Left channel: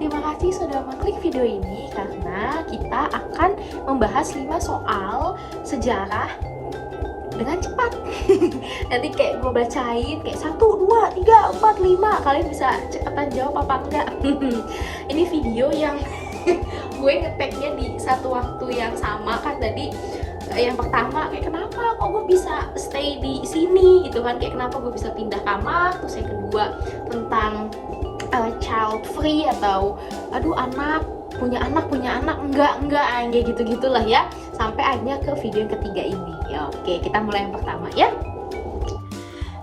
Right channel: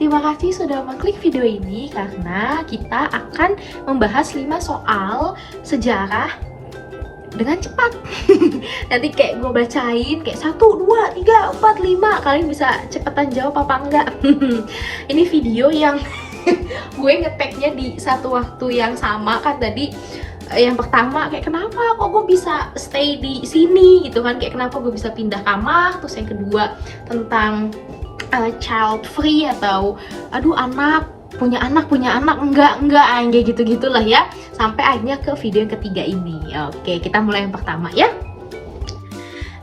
Terima kasih sudah mengklik video ini karena kita akan membahas 5 soal sejarah dengan cepat. Nanti kayak gue bacain kayak 1, 2, 3, 4, 5. Kalian bisa cepetan jawab apa enggak. Ini video yang gue ngeteknya di satu waktu yang sama kan tadi. Yang pertama kayak kenapa kok gue bisa stay di sini gitu kan, kayak kenapa gue bisa pindah kamar. Terus yang kedua tentang child free atau punya anak enggak kayak gitu-gitulah ya, sampai akhirnya ke video yang ketiga ini. Oke, kita mulai yang pertama ya.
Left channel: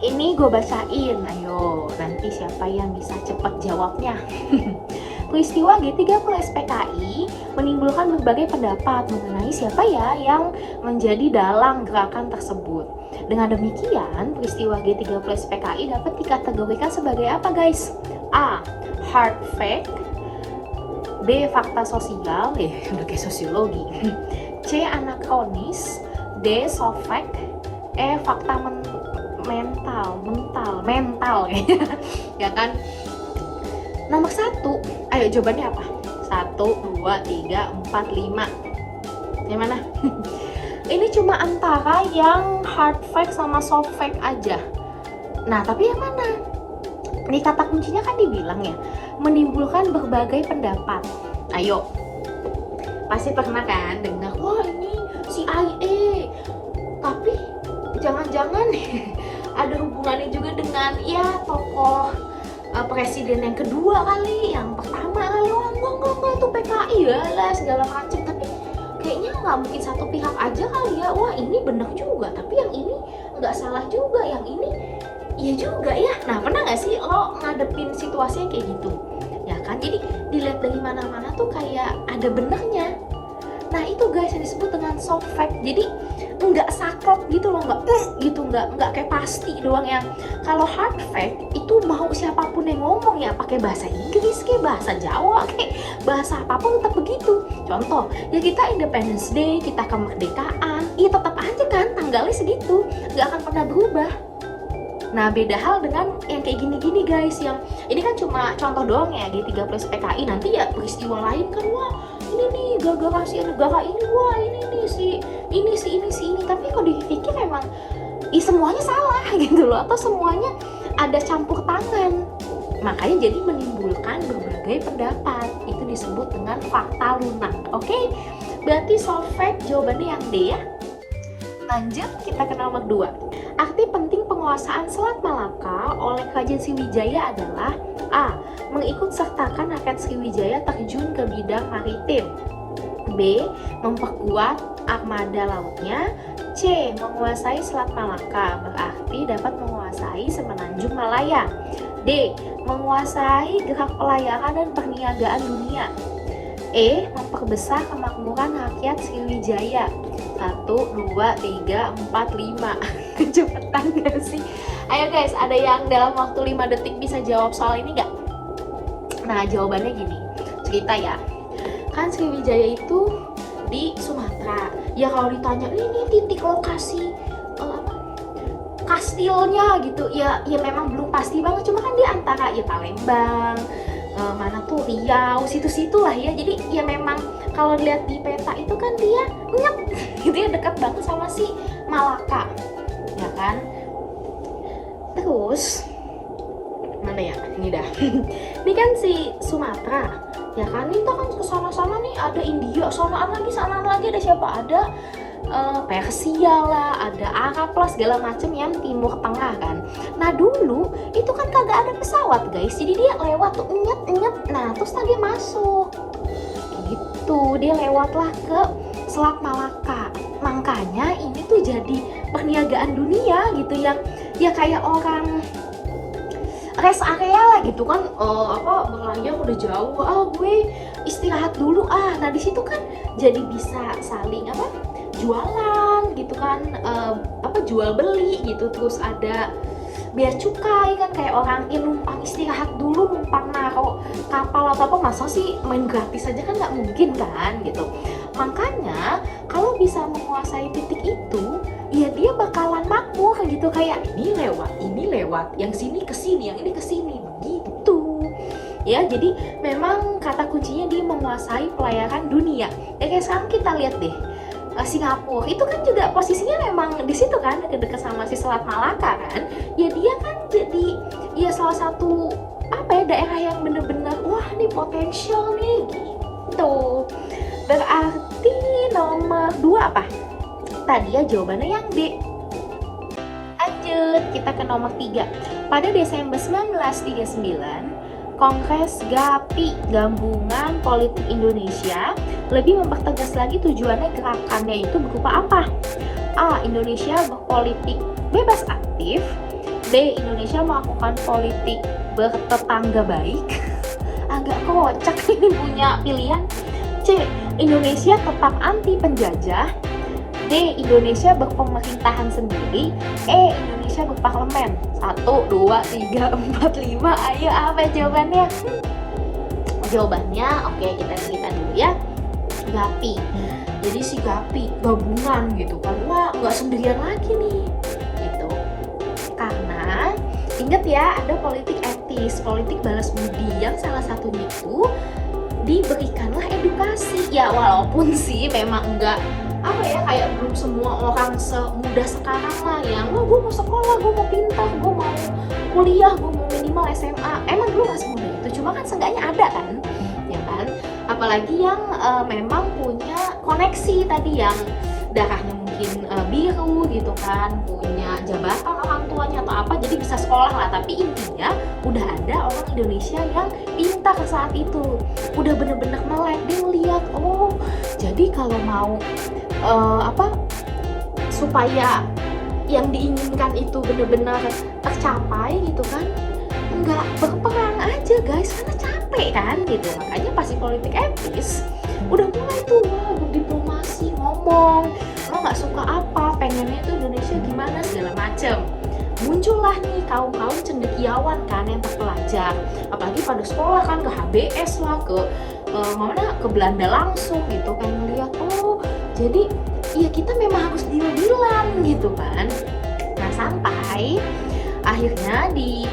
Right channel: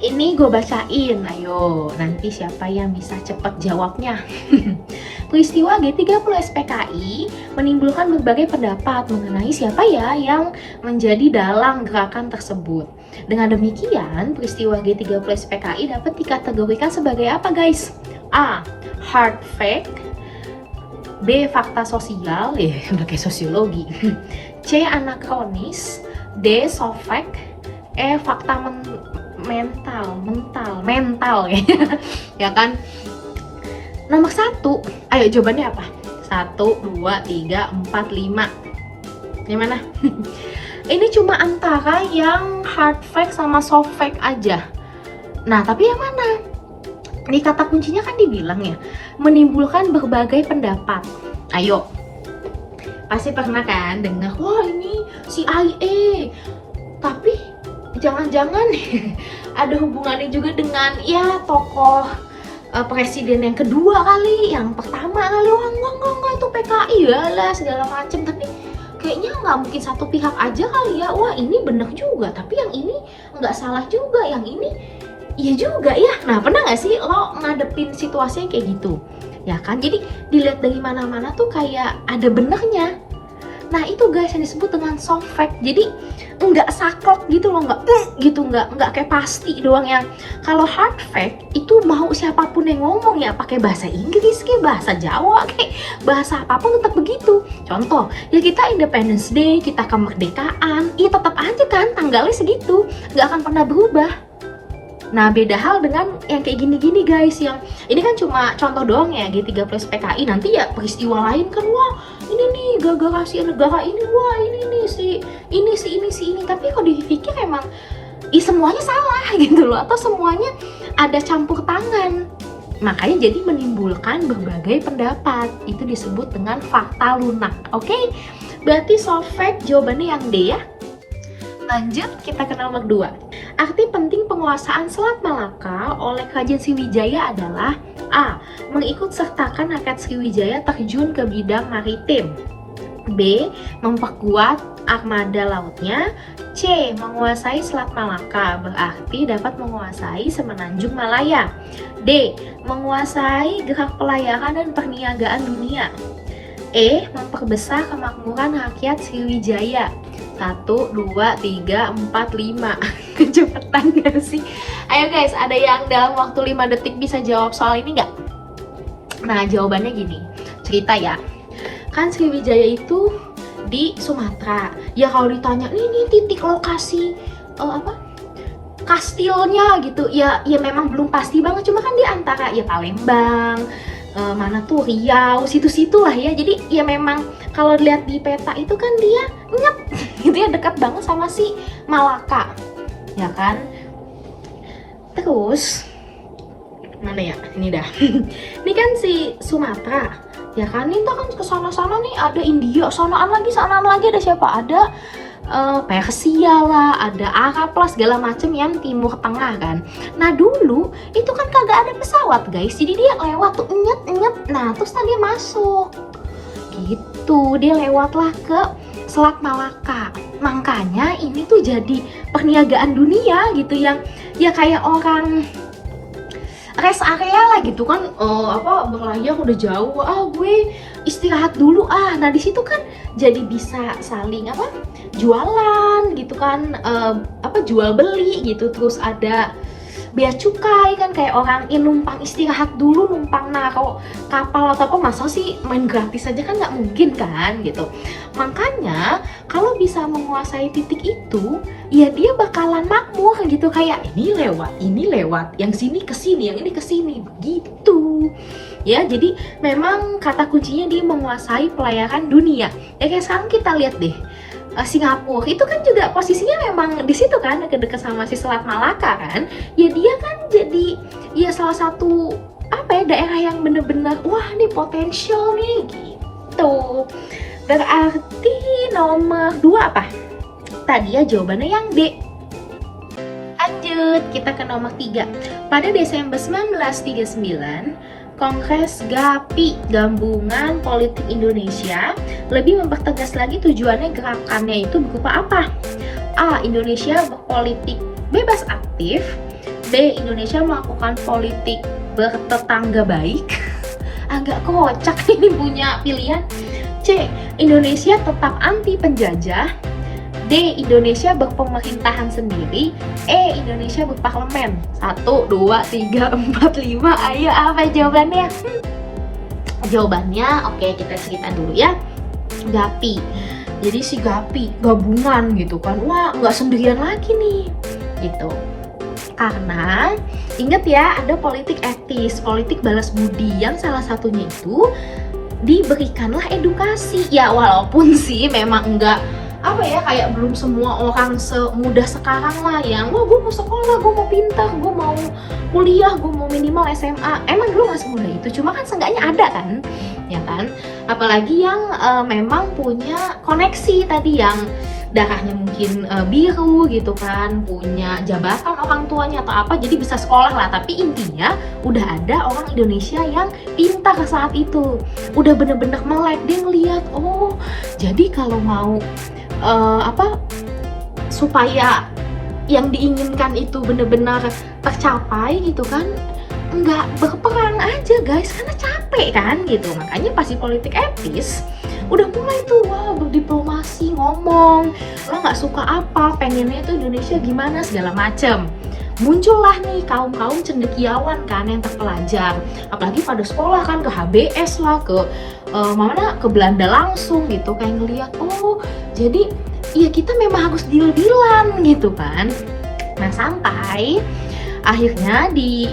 Ini gue bacain, ayo nanti siapa yang bisa cepet jawabnya. Peristiwa G30 SPKI menimbulkan berbagai pendapat mengenai siapa ya yang menjadi dalang gerakan tersebut. Dengan demikian, peristiwa G30 SPKI dapat dikategorikan sebagai apa guys? A. Hard fact. B. Fakta sosial, udah kayak sosiologi. C. Anakronis. D. Soft fact. E. Fakta mental ya kan. Nomor 1, ayo jawabannya apa? 1, 2, 3, 4, 5. Yang mana? Ini cuma antara yang hard fact sama soft fact aja. Nah, tapi yang mana? Ini kata kuncinya kan dibilang ya, menimbulkan berbagai pendapat. Ayo, pasti pernah kan dengar, wah ini CIA, tapi jangan-jangan ada hubungannya juga dengan ya tokoh presiden yang kedua kali, yang pertama kali. Wah enggak itu PKI ya lah segala macem. Tapi kayaknya nggak mungkin satu pihak aja kali ya. Wah ini bener juga, tapi yang ini nggak salah juga, yang ini iya juga ya. Nah, pernah nggak sih lo ngadepin situasi yang kayak gitu? Ya kan, jadi dilihat dari mana-mana tuh kayak ada benernya. Nah itu guys yang disebut dengan soft fact. Jadi nggak saklek gitu loh, nggak kayak pasti doang. Yang kalau hard fact itu mau siapapun yang ngomong ya, pakai bahasa Inggris kayak bahasa Jawa kayak bahasa apapun tetap begitu. Contoh ya, kita Independence Day, kita kemerdekaan, ya tetap aja kan tanggalnya segitu, nggak akan pernah berubah. Nah beda hal dengan yang kayak gini-gini guys, yang ini kan cuma contoh doang ya, G30 PKI. Nanti ya peristiwa lain kan, wah ini nih gara-gara si negara ini, wah ini si ini. Tapi kok dipikir emang semuanya salah gitu loh, atau semuanya ada campur tangan. Makanya jadi menimbulkan berbagai pendapat. Itu disebut dengan fakta lunak. Oke, berarti soft fact jawabannya yang D ya. Lanjut kita ke nomor 2. Arti penting penguasaan Selat Malaka oleh Kerajaan Sriwijaya adalah A. Mengikut sertakan rakyat Sriwijaya terjun ke bidang maritim. B. Memperkuat armada lautnya. C. Menguasai Selat Malaka, berarti dapat menguasai Semenanjung Malaya. D. Menguasai gerak pelayaran dan perniagaan dunia. E. Memperbesar kemakmuran rakyat Sriwijaya. 1, 2, 3, 4, 5. Kecepatan gak sih? Ayo guys, ada yang dalam waktu 5 detik bisa jawab soal ini gak? Nah jawabannya gini, cerita ya. Kan Sriwijaya itu di Sumatera. Ya kalau ditanya, ini titik lokasi kastilnya gitu, ya memang belum pasti banget. Cuma kan di antara ya Palembang, mana tuh Riau, situ-situ lah ya. Jadi ya memang kalau dilihat di peta itu kan dia gitu ya, dekat banget sama si Malaka ya kan. Terus mana ya, ini dah. Ini kan si Sumatera ya kan, ini kan ke sana-sana nih ada India, sanaan lagi ada siapa, ada Persia lah, ada Arab lah, segala macem yang timur tengah kan. Nah dulu itu kan kagak ada pesawat guys, jadi dia lewat tuh nyet. Nah terus tadi masuk gitu, dia lewatlah ke Selat Malaka. Makanya ini tuh jadi perniagaan dunia gitu, yang ya kayak orang rest area lah gitu kan, berlayar udah jauh, gue istirahat dulu nah di situ kan jadi bisa saling jualan gitu kan, jual beli gitu. Terus ada bea cukai kan, kayak orang numpang istirahat dulu, numpang naro kapal atau apa, masa sih main gratis aja kan, nggak mungkin kan gitu. Makanya kalau bisa menguasai titik itu, ya dia bakalan makmur gitu, kayak ini lewat, yang sini ke sini, yang ini ke sini begitu. Ya, jadi memang kata kuncinya dia menguasai pelayaran dunia. Ya kayak sekarang kita lihat deh, Singapura itu kan juga posisinya memang di situ kan, dekat sama si Selat Malaka kan. Ya dia kan jadi ya salah satu apa ya, daerah yang bener-bener wah nih potensial nih gitu. Berarti nomor 2 apa? Tadi ya jawabannya yang D. Lanjut, kita ke nomor 3. Pada Desember 1939, Kongres GAPI, Gabungan Politik Indonesia, lebih mempertegas lagi tujuannya gerakannya itu berupa apa? A. Indonesia berpolitik bebas aktif. B. Indonesia melakukan politik bertetangga baik. Agak kocak ini punya pilihan. C. Indonesia tetap anti penjajah. D. Indonesia berpemerintahan sendiri. E. Indonesia berparlemen. 1, 2, 3, 4, 5. Ayo apa jawabannya? Jawabannya, oke kita cerita dulu ya. GAPI. Jadi si GAPI gabungan gitu kan. Wah nggak sendirian lagi nih gitu. Karena ingat ya, ada politik etis, politik balas budi, yang salah satunya itu diberikanlah edukasi. Ya walaupun sih memang enggak apa ya, kayak belum semua orang semudah sekarang lah yang wah gue mau sekolah, gue mau pintar, gue mau kuliah, gue mau minimal SMA. Emang dulu gak semudah itu, cuma kan seenggaknya ada kan, ya kan. Apalagi yang memang punya koneksi tadi, yang darahnya mungkin biru gitu kan, punya jabatan orang tuanya atau apa, jadi bisa sekolah lah. Tapi intinya udah ada orang Indonesia yang pintar saat itu, udah bener-bener melek, dia ngeliat oh jadi kalau mau supaya yang diinginkan itu benar-benar tercapai gitu kan, nggak berperang aja guys, karena capek kan gitu. Makanya pasti politik etis udah mulai tuh wah berdiplomasi, ngomong lo nggak suka apa, pengennya itu Indonesia gimana segala macem. Muncullah nih kaum-kaum cendekiawan kan yang terpelajar, apalagi pada sekolah kan, ke HBS lah, ke mana, ke Belanda langsung gitu, kayak ngeliat oh jadi ya kita memang harus deal-dealan gitu kan. Nah sampai akhirnya di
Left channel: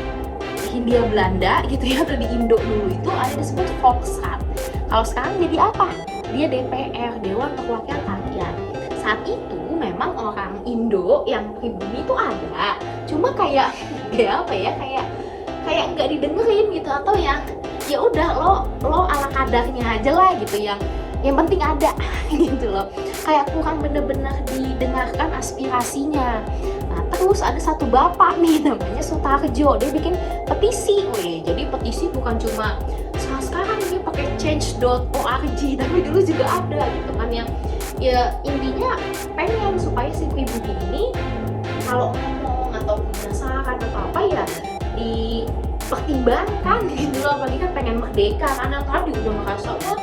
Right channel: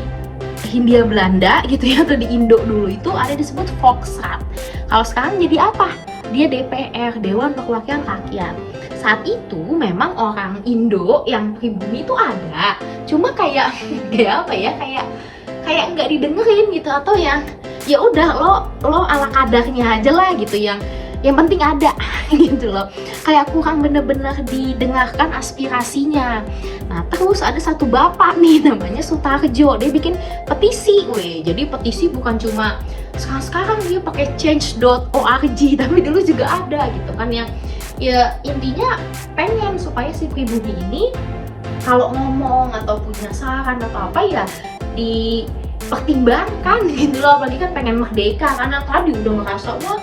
Hindia Belanda gitu ya, atau di Indo dulu itu ada disebut Volksraad. Kalau sekarang jadi apa? Dia DPR, Dewan Perwakilan Rakyat. Saat itu memang orang Indo yang pribumi itu ada, cuma kayak ya apa ya, kayak nggak didengerin gitu, atau yang ya udah lo ala kadarnya aja lah gitu, yang penting ada gitu loh, kayak kurang bener-bener didengarkan aspirasinya. Nah terus ada satu bapak nih namanya Sutarjo, dia bikin petisi, jadi petisi bukan cuma sekarang dia pakai change.org, tapi dulu juga ada gitu kan, yang ya intinya pengen supaya si pribumi ini kalau ngomong atau punya saran atau apa ya dipertimbangkan gitu loh. Apalagi kan pengen merdeka, karena tadi udah ngerasa wah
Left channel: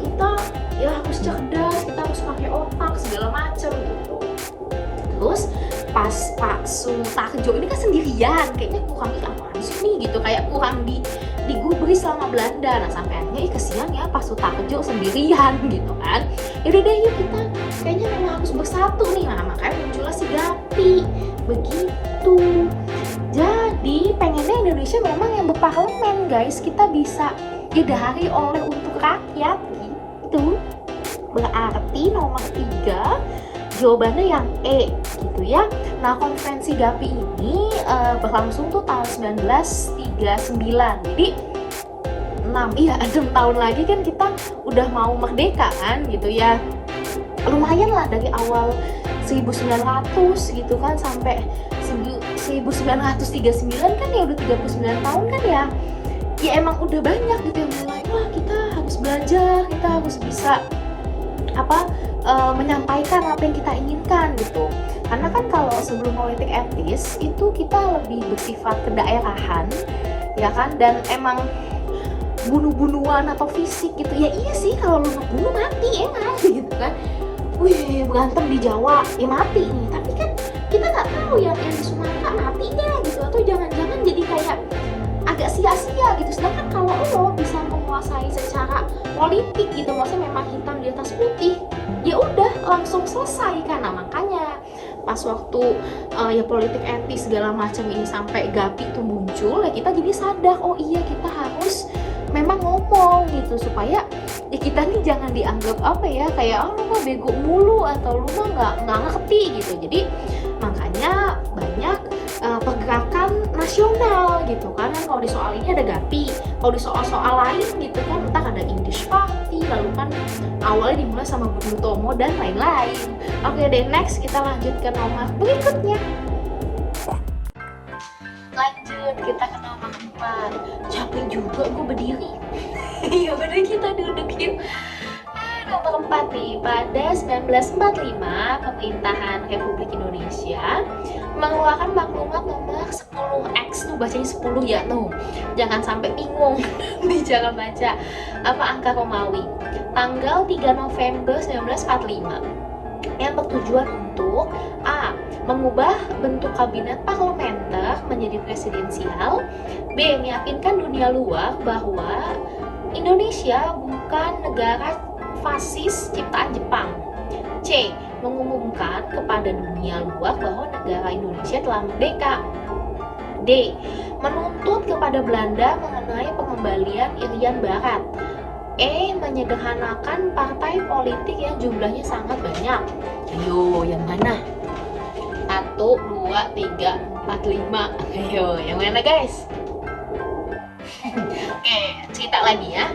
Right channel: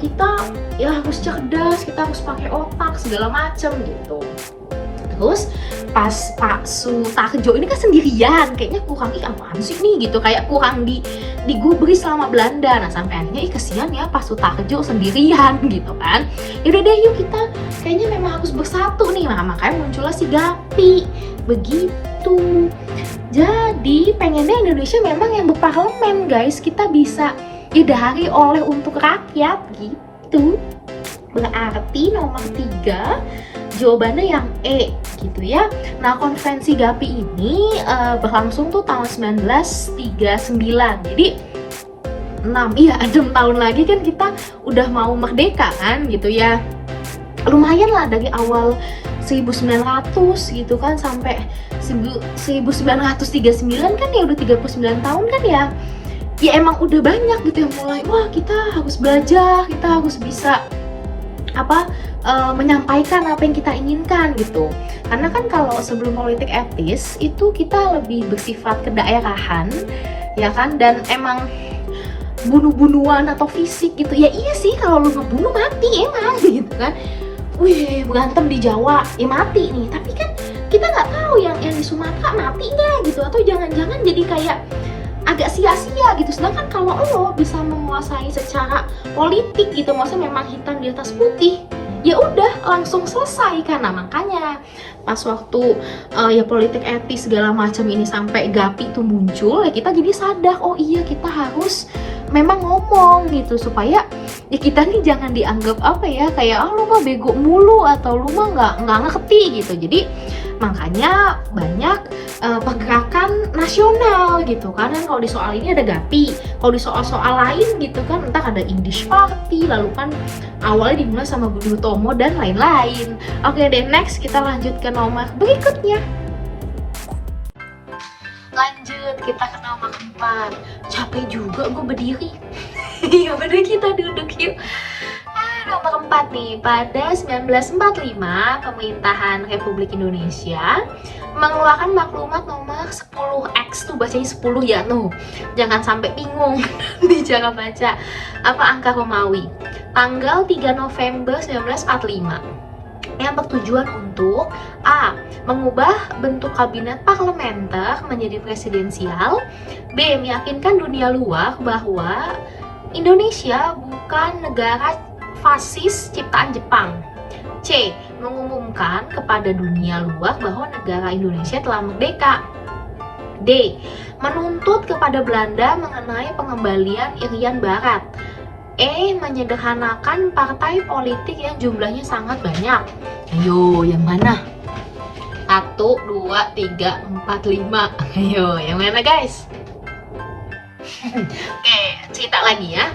kita ya harus cerdas, kita harus pakai otak segala macem gitu. Terus pas Pak Sutarjo ini kan sendirian, kayaknya kurang apaan sih nih gitu, kayak kurang digubris sama Belanda. Nah sampai akhirnya kesian ya Pak Sutarjo sendirian gitu kan. Yaudah deh yuk kita kayaknya memang harus bersatu nih. Nah makanya muncullah si GAPI begitu. Jadi pengennya Indonesia memang yang berparlemen guys, kita bisa didahari oleh untuk rakyat gitu. Berarti nomor 3 jawabannya yang E gitu ya. Nah konferensi GAPI ini berlangsung tuh tahun 1939. Jadi 6 tahun lagi kan kita udah mau merdeka kan gitu ya. Lumayan lah dari awal 1900 gitu kan sampai 1939 kan ya udah 39 tahun kan ya. Ya emang udah banyak gitu yang mulai wah kita harus belajar, kita harus bisa menyampaikan apa yang kita inginkan gitu. Karena kan kalau sebelum politik etis itu kita lebih bersifat kedaerahan ya kan, dan emang bunuh-bunuhan atau fisik gitu. Ya iya sih, kalau lu ngebunuh mati emang gitu kan. Wih berantem di Jawa ya mati nih, tapi kan kita nggak tahu yang di Sumatera mati nggak gitu, atau jangan-jangan jadi kayak agak sia-sia gitu. Sedangkan kalau lo bisa menguasai secara politik gitu, maksudnya memang hitam di atas putih, ya udah langsung selesai kan. Nah makanya pas waktu ya politik etis segala macam ini sampai Gapi itu muncul, ya kita jadi sadar, oh iya kita harus memang ngomong gitu supaya ya kita nih jangan dianggap apa ya, kayak lu mah bego mulu atau lu mah nggak ngerti gitu. Jadi makanya banyak pergerakan nasional gitu kan. Kalau di soal ini ada Gapi, kalau di soal-soal lain gitu kan entah ada Indies Party, lalu kan awalnya dimulai sama Budi Utomo dan lain-lain. Oke deh, next kita lanjut ke nomor berikutnya. Lanjut kita ke nomor 4. Capek juga gue berdiri. Iya bener, kita duduk yuk. Nomor 4 nih, pada 1945 pemerintahan Republik Indonesia mengeluarkan maklumat nomor 10X, tuh bacanya 10 ya tuh, jangan sampai bingung di cara baca apa angka Romawi, tanggal 3 November 1945, yang bertujuan untuk A. mengubah bentuk kabinet parlementer menjadi presidensial, B. meyakinkan dunia luar bahwa Indonesia bukan negara fasis ciptaan Jepang, C. mengumumkan kepada dunia luar bahwa negara Indonesia telah merdeka, D. menuntut kepada Belanda mengenai pengembalian Irian Barat, E. menyederhanakan partai politik yang jumlahnya sangat banyak. Ayo, yang mana? 1, 2, 3, 4, 5. Ayo, yang mana guys? Oke, cerita lagi ya.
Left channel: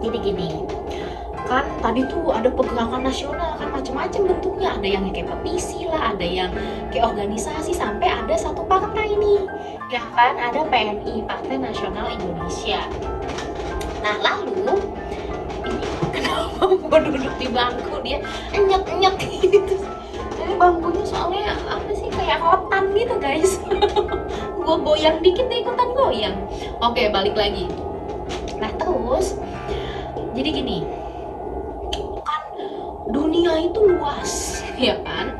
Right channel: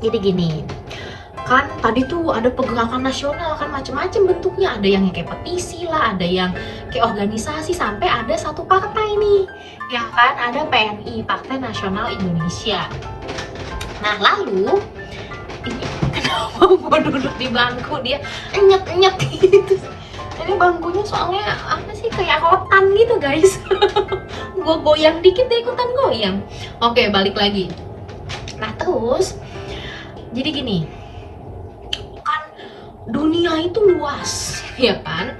Jadi gini, kan tadi tuh ada pergerakan nasional kan macam-macam bentuknya, ada yang kayak petisi lah, ada yang kayak organisasi, sampai ada satu partai nih, ya kan, ada PNI, Partai Nasional Indonesia. Nah lalu ini kenapa gua duduk di bangku dia enyet gitu, jadi bangkunya soalnya apa sih, kayak rotan gitu guys. Gua goyang dikit deh, ikutan goyang. Oke, balik lagi. Nah terus jadi gini, dunia itu luas ya kan.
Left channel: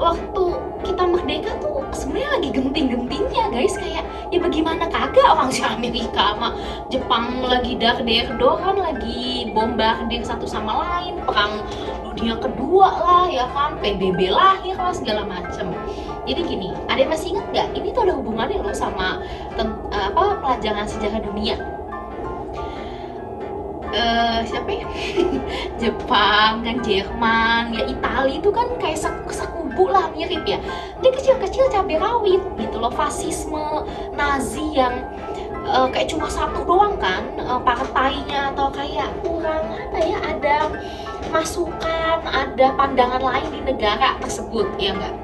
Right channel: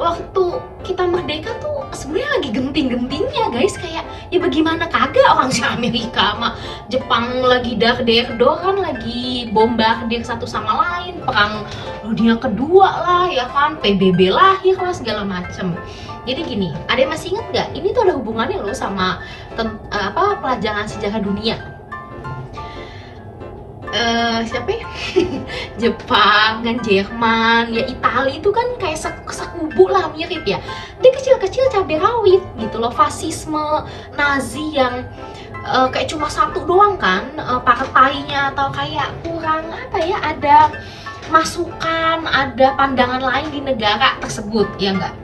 Waktu kita merdeka tuh sebenarnya lagi genting-gentingnya guys, kayak ya bagaimana kagak orang si Amerika sama Jepang lagi dar-der-dor kan, lagi bombardir satu sama lain, perang dunia kedua lah ya kan, PBB lahir lah segala macem. Jadi gini, ada yang masih inget nggak? Ini tuh ada hubungannya loh sama pelajaran sejarah dunia. Siapa ya? Jepang kan, Jerman, ya Italia itu kan kayak sekubu lah, mirip ya. Dia kecil-kecil cabai rawit gitu loh. Fasisme Nazi yang kayak cuma satu doang kan partainya, atau kayak kurang apa ya, ada masukan, ada pandangan lain di negara tersebut, ya enggak?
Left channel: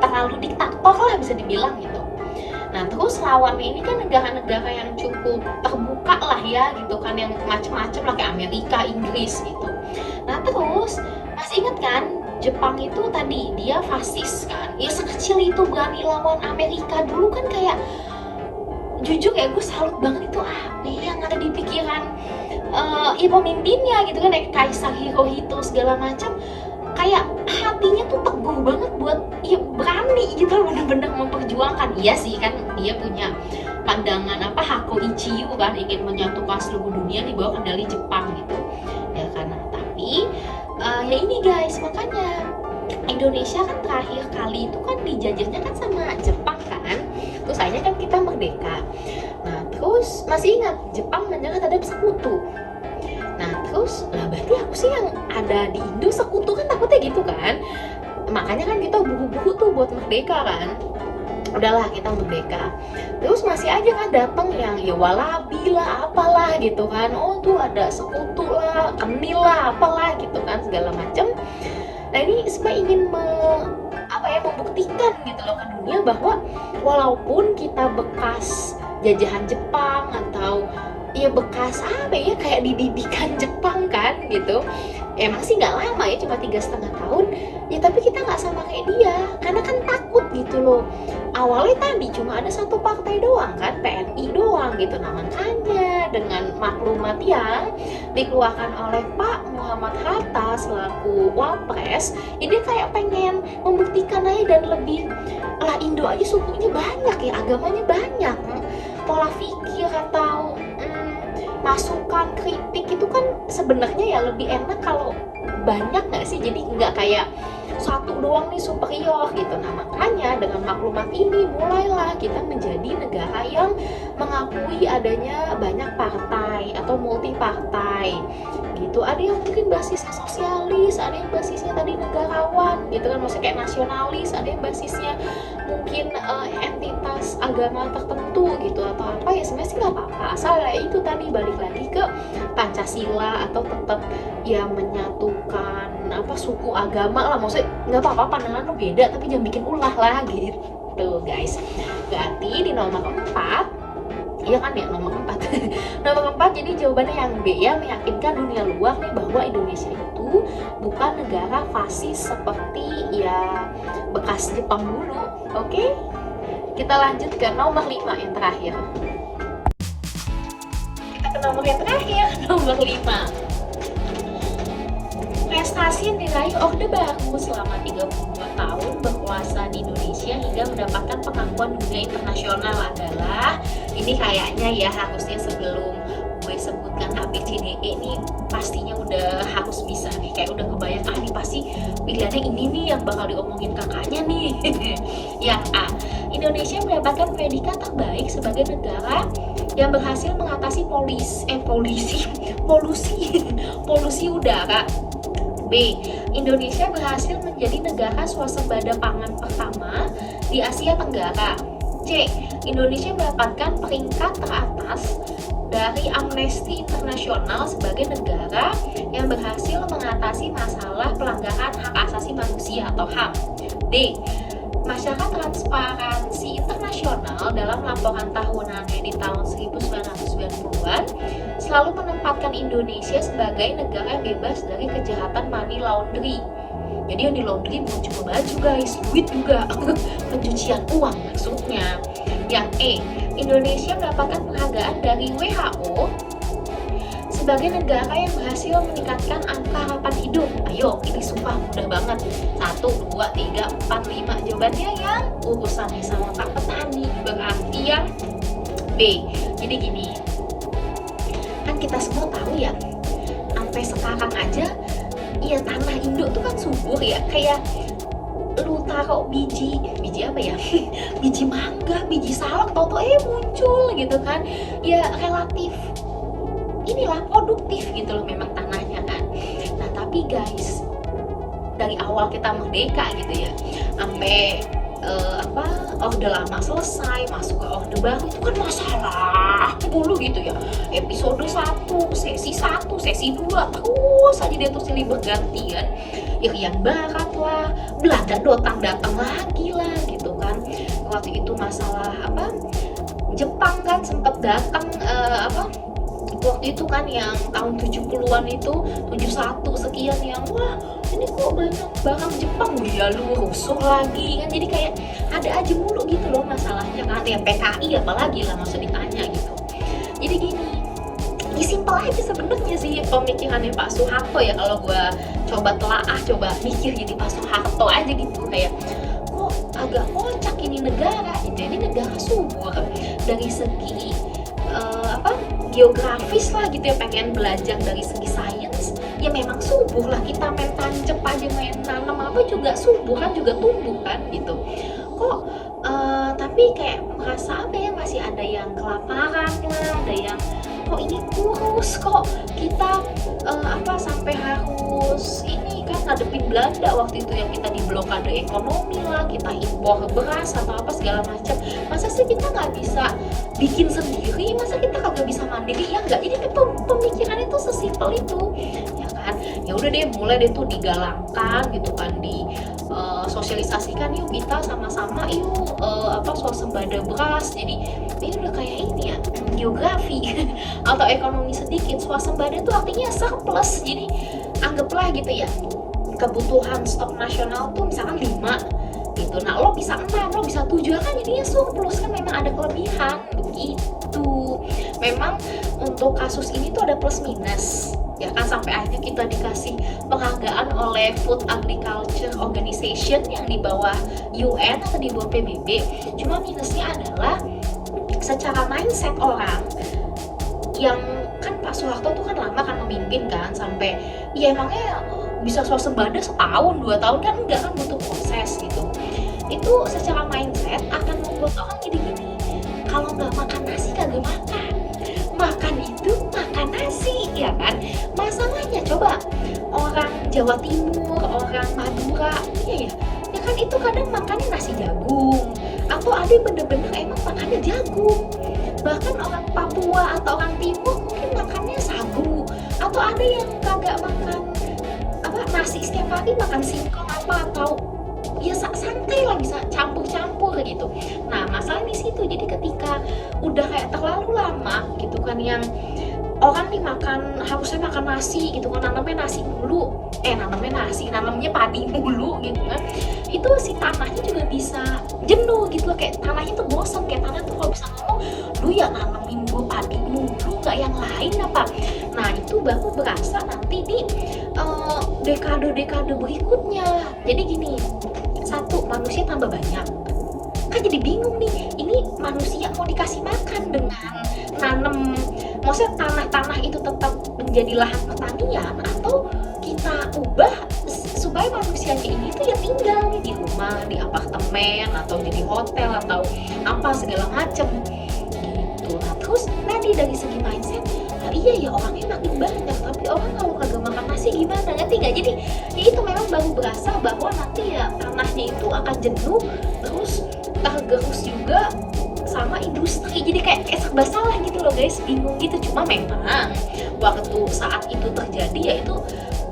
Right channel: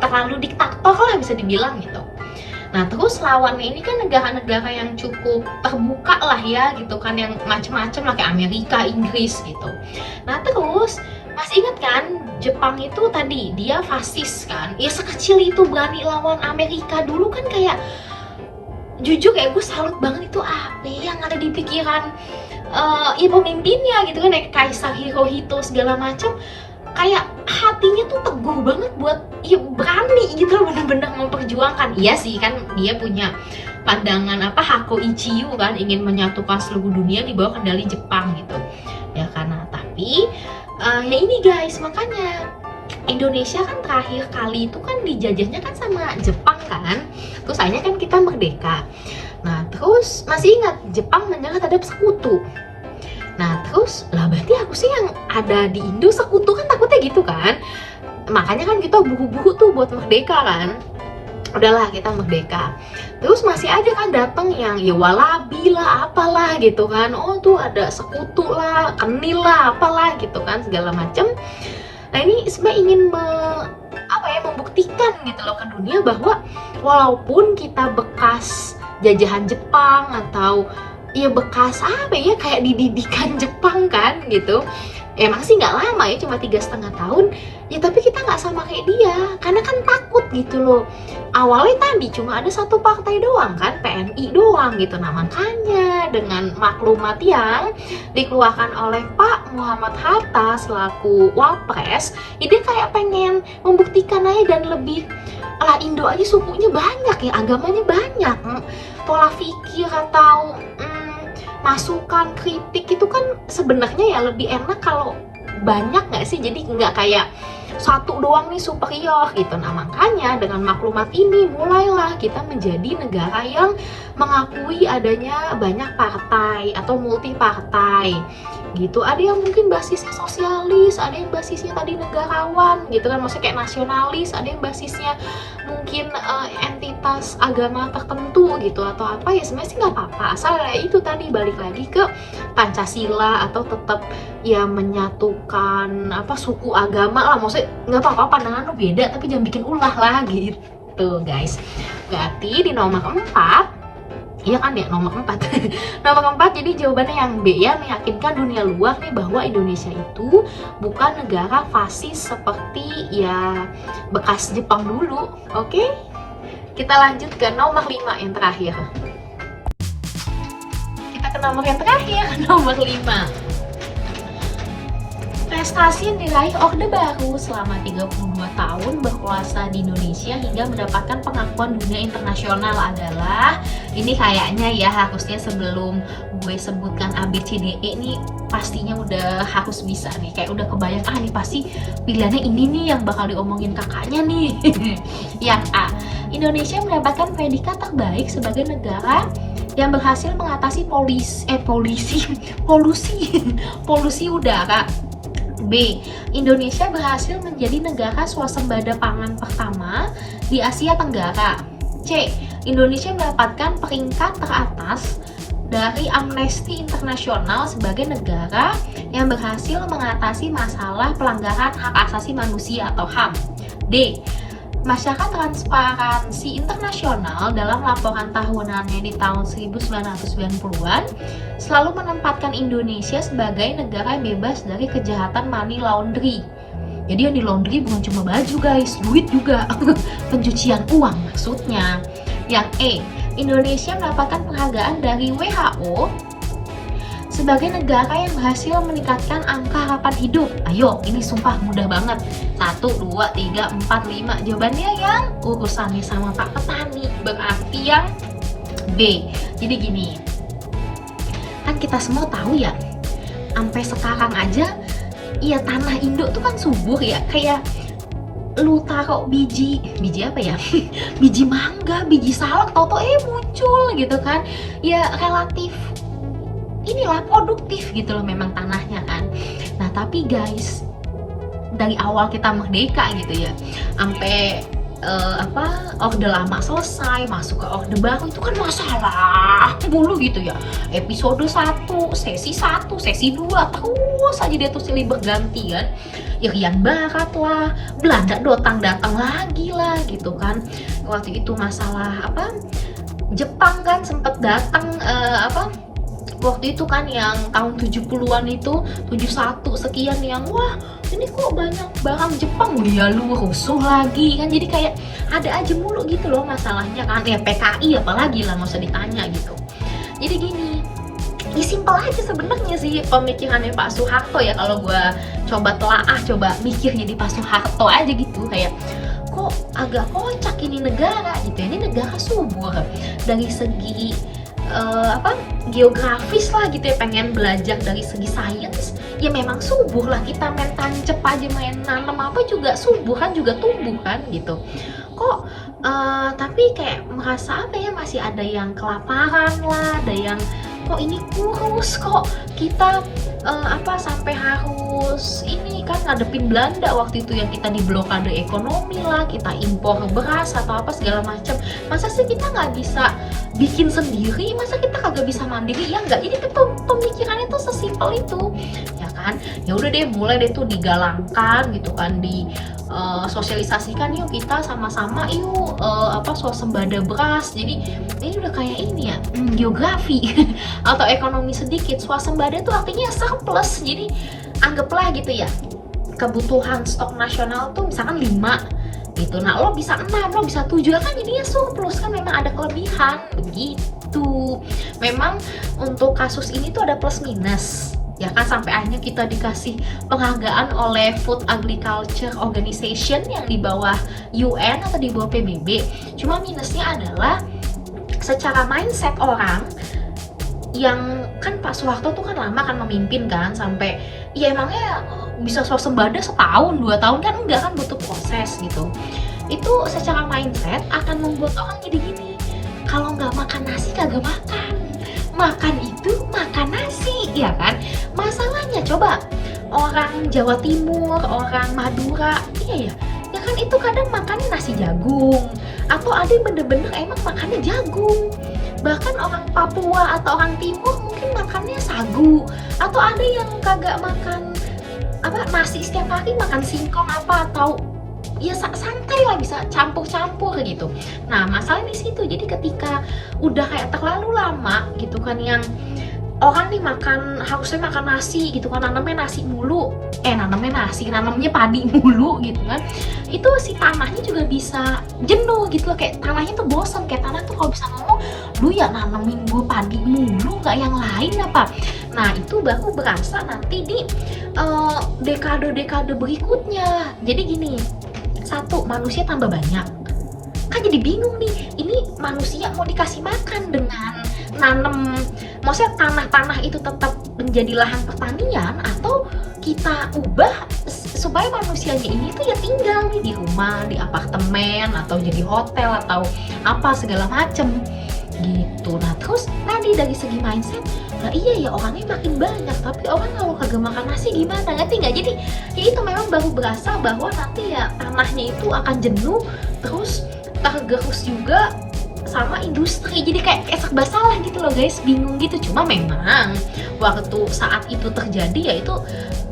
Terlalu diktator lah bisa dibilang gitu. Nah terus lawannya ini kan negara-negara yang cukup terbuka lah ya gitu kan, yang macam-macam lah kayak Amerika, Inggris gitu. Nah terus masih ingat kan, Jepang itu tadi dia fasis kan, ya sekecil itu berani lawan Amerika dulu kan, kayak jujur ya gue salut banget itu apa yang ada di pikiran ya pemimpinnya gitu kan, kayak Kaisar Hirohito segala macam, kayak hatinya tuh teguh banget buat ya berani gitu, bener-bener memperjuangkan. Iya sih kan, dia punya pandangan Hako Ichiyo kan, ingin menyatukan seluruh dunia di bawah kendali Jepang gitu ya karena. Tapi ya ini guys, makanya Indonesia kan terakhir kali itu kan dijajahnya kan sama Jepang kan, terus akhirnya kan kita merdeka. Nah terus masih ingat Jepang menyerah terhadap sekutu. Nah terus lah berarti aku sih yang ada di Indo sekutu kan, takutnya gitu kan. Makanya kan kita buru-buru tuh buat merdeka kan. Udahlah kita merdeka. Terus masih ada kan datang yang ya walabi lah apalah gitu kan. Oh tuh ada sekutu lah, kenil lah apalah gitu kan, segala macem. Nah ini sebenarnya ingin membuktikan gitu loh ke dunia bahwa walaupun kita bekas jajahan Jepang atau ya bekas apa ya, kayak dididikan Jepang kan gitu, emang sih nggak lama ya, cuma 3,5 tahun ya, tapi kita nggak sama kayak dia karena kan takut gitu loh. Awalnya tadi cuma ada satu partai doang kan, PNI doang gitu. Nah makanya dengan maklumat yang dikeluarkan oleh Pak Muhammad Hatta selaku Wapres, dia kayak pengen membuktikan aja dan lebih lah, Indo aja sukunya banyak ya, agamanya banyak, pola pikir atau masukan kritik itu kan sebenarnya ya lebih enak kalau banyak nggak sih? Jadi nggak kayak satu doang nih superior gitu. Nah makanya dengan maklumat ini mulailah kita menjadi negara yang mengakui adanya banyak partai atau multi partai gitu. Ada yang mungkin basisnya sosialis, ada yang basisnya tadi negarawan gitu kan, maksudnya kayak nasionalis, ada yang basisnya mungkin entitas agama tertentu gitu atau apa. Ya sebenarnya sih nggak apa-apa, asal ya itu tadi balik lagi ke Pancasila atau tetap ya menyatukan apa suku agama lah, maksudnya nggak apa-apa pandangan lo beda tapi jangan bikin ulah lah gitu guys. Berarti di nomor keempat, iya kan ya nomor keempat nomor keempat jadi jawabannya yang B ya, meyakinkan dunia luar nih bahwa Indonesia itu bukan negara fasis seperti ya bekas Jepang dulu. Oke, kita lanjut ke nomor 5 yang terakhir. Kita ke nomor yang terakhir, nomor 5. Prestasi yang diraih Orde Baru selama 32 tahun berkuasa di Indonesia hingga mendapatkan pengakuan dunia internasional adalah, ini kayaknya ya harusnya sebelum gue sebutkan A, B, C, D, E nih pastinya udah harus bisa nih, kayak udah kebayang nih pasti pilihannya ini nih yang bakal diomongin kakaknya nih. Yang A, Indonesia mendapatkan predikat terbaik sebagai negara yang berhasil mengatasi polusi udara. B, Indonesia berhasil menjadi negara swasembada pangan pertama di Asia Tenggara. C, Indonesia mendapatkan peringkat teratas dari Amnesty International sebagai negara yang berhasil mengatasi masalah pelanggaran hak asasi manusia atau HAM. D, Masyarakat Transparansi Internasional dalam laporan tahunannya di tahun 1990-an selalu menempatkan Indonesia sebagai negara yang bebas dari kejahatan money laundry. Jadi yang di laundry bukan cuma baju guys, duit juga. Pencucian uang maksudnya. Yang E, Indonesia mendapatkan penghargaan dari WHO sebagai negara yang berhasil meningkatkan angka harapan hidup. Ayo, ini sumpah mudah banget. 1, 2, 3, 4, 5. Jawabannya yang urusannya sama Pak Petani. Berarti yang B. Jadi gini, kan kita semua tahu ya, sampai sekarang aja, ya tanah Indo tuh kan subur ya. Kayak lu taruh biji apa ya? Biji mangga, biji salak, tau-tau muncul gitu kan. Ya relatif inilah produktif gitu loh memang tanahnya kan. Nah tapi guys, dari awal kita merdeka gitu ya sampai Orde Lama selesai masuk ke Orde Baru itu kan masalah mulu gitu ya. Episode 1, sesi 1, sesi 2 terus aja dia tuh silih berganti kan. Irian Barat lah, Belanda datang lagi lah gitu kan. Waktu itu masalah Jepang kan sempet datang waktu itu kan yang tahun 70-an itu 71 sekian yang wah ini kok banyak barang Jepang dia lu rusuh lagi kan. Jadi kayak ada aja mulu gitu loh masalahnya kan. Ya PKI apalagi lah nggak usah ditanya gitu. Jadi gini, ini simpel aja sebenarnya sih pemikirannya Pak Soeharto ya. Kalau gue coba telaah, coba mikir jadi Pak Soeharto aja gitu, kayak kok agak kocak ini negara gitu. Ini negara subur dari segi geografis lah gitu ya, pengen belajar dari segi sains ya memang subur lah, kita main tancep aja, main nanam apa juga subur kan, juga tumbuh kan gitu. Kok tapi kayak merasa masih ada yang kelaparan lah, ada yang kok ini kurus, kok kita sampai harus ini kan ngadepin Belanda waktu itu yang kita di blokade ekonomi lah, kita impor beras atau apa segala macam. Masa sih kita nggak bisa bikin sendiri, masa kita kagak bisa mandiri ya enggak. Jadi pemikirannya tuh sesimpel itu ya kan. Ya udah deh, mulai deh tuh digalangkan gitu kan, di sosialisasikan yuk kita sama-sama yuk swasembada beras. Jadi ini udah kayak ini ya, geografi atau ekonomi sedikit. Swasembada tuh artinya surplus. Jadi anggaplah gitu ya, kebutuhan stok nasional tuh misalkan 5 gitu. Nah lo bisa 6, lo bisa 7 kan jadinya surplus kan, memang ada kelebihan begitu. Memang untuk kasus ini tuh ada plus minus ya kan, sampai akhirnya kita dikasih penghargaan oleh Food Agriculture Organization yang di bawah UN atau di bawah PBB. Cuma minusnya adalah secara mindset orang yang kan Pak Soeharto tuh kan lama kan memimpin kan, sampai ya emangnya bisa swasembada setahun 2 tahun kan, enggak, kan butuh proses gitu. Itu secara mindset akan membuat orang jadi gini, kalau nggak makan nasi kagak makan, makan itu makan nasi, ya kan? Masalahnya coba orang Jawa Timur, orang Madura, iya ya, ya kan itu kadang makannya nasi jagung, atau ada yang bener-bener emang makannya jagung. Bahkan orang Papua atau orang Timur mungkin makannya sagu, atau ada yang kagak makan apa nasi setiap hari, makan singkong apa, atau ya santai lah, bisa campur-campur gitu. Nah masalah di situ, jadi ketika udah kayak terlalu lama gitu kan, yang orang nih makan, harusnya makan nasi gitu kan, nanamnya nasi mulu, nanamnya padi mulu gitu kan, itu si tanahnya juga bisa jenuh gitu loh, kayak tanahnya tuh bosan, kayak tanah tuh kalau bisa ngomong, lu ya nanamin mulu padi mulu, nggak yang lain apa. Nah itu baru berasa nanti di dekade-dekade berikutnya. Jadi gini, satu, manusia tambah banyak, kan jadi bingung nih, ini manusia mau dikasih makan dengan nanam, maksudnya tanah-tanah itu tetap menjadi lahan pertanian, atau kita ubah supaya manusianya ini tuh ya tinggal nih di rumah, di apartemen, atau jadi hotel, atau apa segala macem gitu. Nah terus tadi dari segi mindset, nah iya ya orangnya makin banyak, tapi orang kalau kagak makan nasi gimana, ngerti nggak? Jadi ya itu memang baru berasa bahwa nanti ya tanahnya itu akan jenuh, terus tergerus juga sama industri, jadi kayak serba salah gitu loh guys, bingung gitu. Cuma memang waktu saat itu terjadi ya itu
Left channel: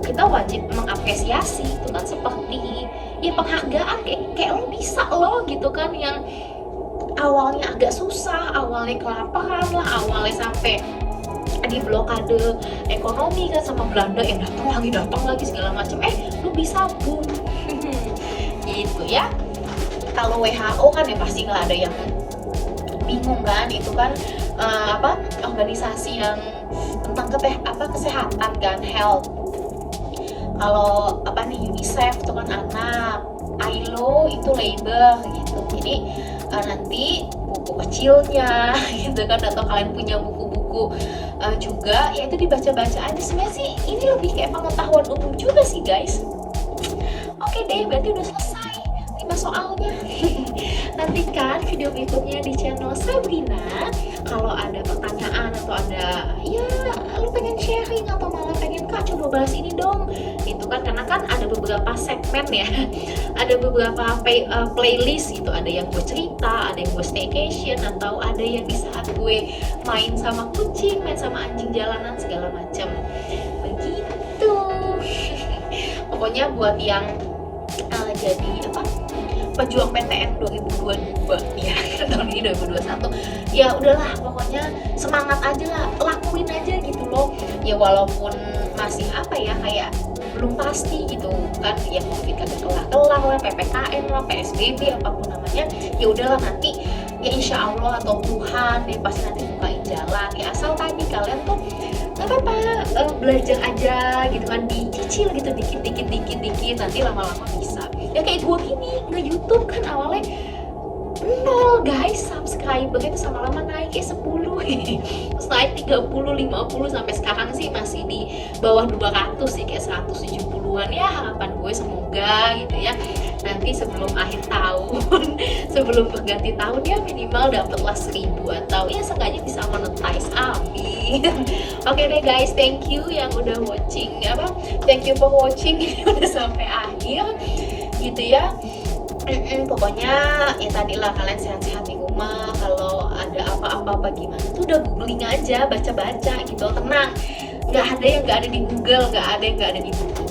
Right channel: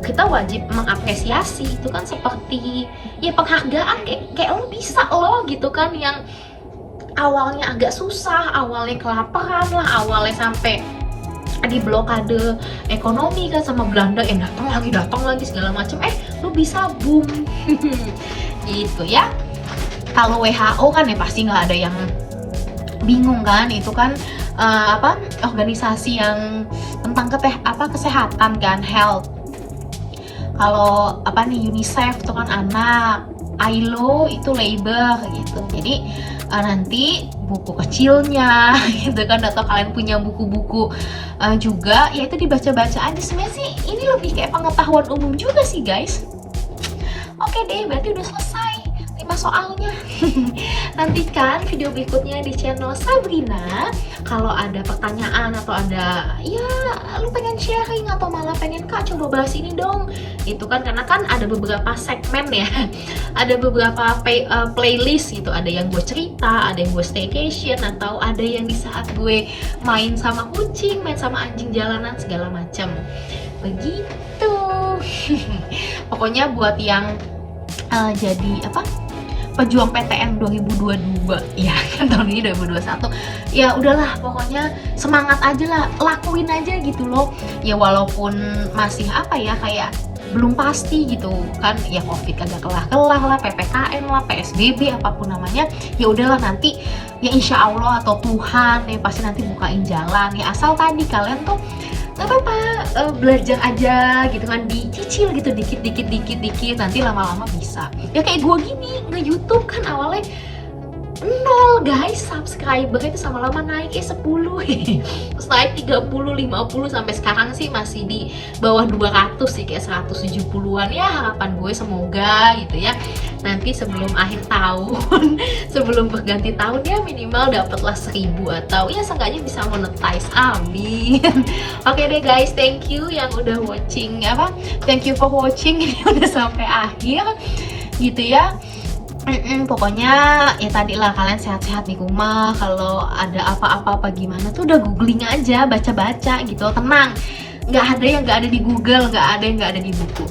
kita wajib mengapresiasi, itu kan seperti ya penghargaan, kayak lo bisa lo gitu kan, yang awalnya agak susah, awalnya kelaparan lah, awalnya sampai di blokade ekonomi kan sama Belanda, yang datang lagi segala macam, lo bisa boom gitu ya. Kalau WHO kan ya pasti nggak ada yang bingung kan, itu kan organisasi yang tentang kesehatan kan, health. Kalau UNICEF itu kan anak, ILO itu labor gitu. Jadi nanti buku kecilnya gitu kan, atau kalian punya buku-buku juga, ya itu dibaca-baca aja. Sebenarnya sih ini lebih kayak pengetahuan umum juga sih guys. Oke deh, berarti udah selesai 5 soalnya. Nantikan video berikutnya di channel Sabrina. Kalau ada pertanyaan atau ada ya lu pengen sharing atau malah pengen Kak coba bahas ini dong, itu kan karena kan ada beberapa segmen ya, ada beberapa playlist gitu, ada yang gue cerita, ada yang gue staycation, atau ada yang di saat gue main sama kucing, main sama anjing jalanan segala macam begitu. Pokoknya buat yang jadi pejuang PTN 2022 ya kan, tahun ini 2021 ya udahlah, pokoknya semangat aja lah, lakuin aja gitu loh ya, walaupun masih kayak belum pasti gitu kan ya, Covid kagak kelar lah, PPKM lah, PSBB apapun namanya, ya udahlah nanti ya insya Allah atau Tuhan ya pasti nanti bukain jalan ya, asal tadi kalian tuh belajar aja gitu kan, dicicil gitu dikit, nanti lama-lama bisa. Ya kayak gue gini nge-YouTube kan awalnya 0 guys, subscriber itu sama lama naik kayak 10 terus naik 30, 50, sampai sekarang sih masih di bawah 200 sih, kayak 170-an ya. Harapan gue semoga gitu ya, nanti sebelum akhir tahun sebelum berganti tahun ya minimal dapatlah 1000, atau ya seenggaknya bisa monetize, amin. Oke deh guys, thank you yang udah watching thank you for watching ini udah sampai akhir gitu ya. Pokoknya ya tadi lah, kalian sehat-sehat di rumah, kalau ada apa-apa gimana tuh udah googling aja, baca-baca gitu, tenang, nggak ada yang nggak ada di Google, nggak ada yang nggak ada di buku.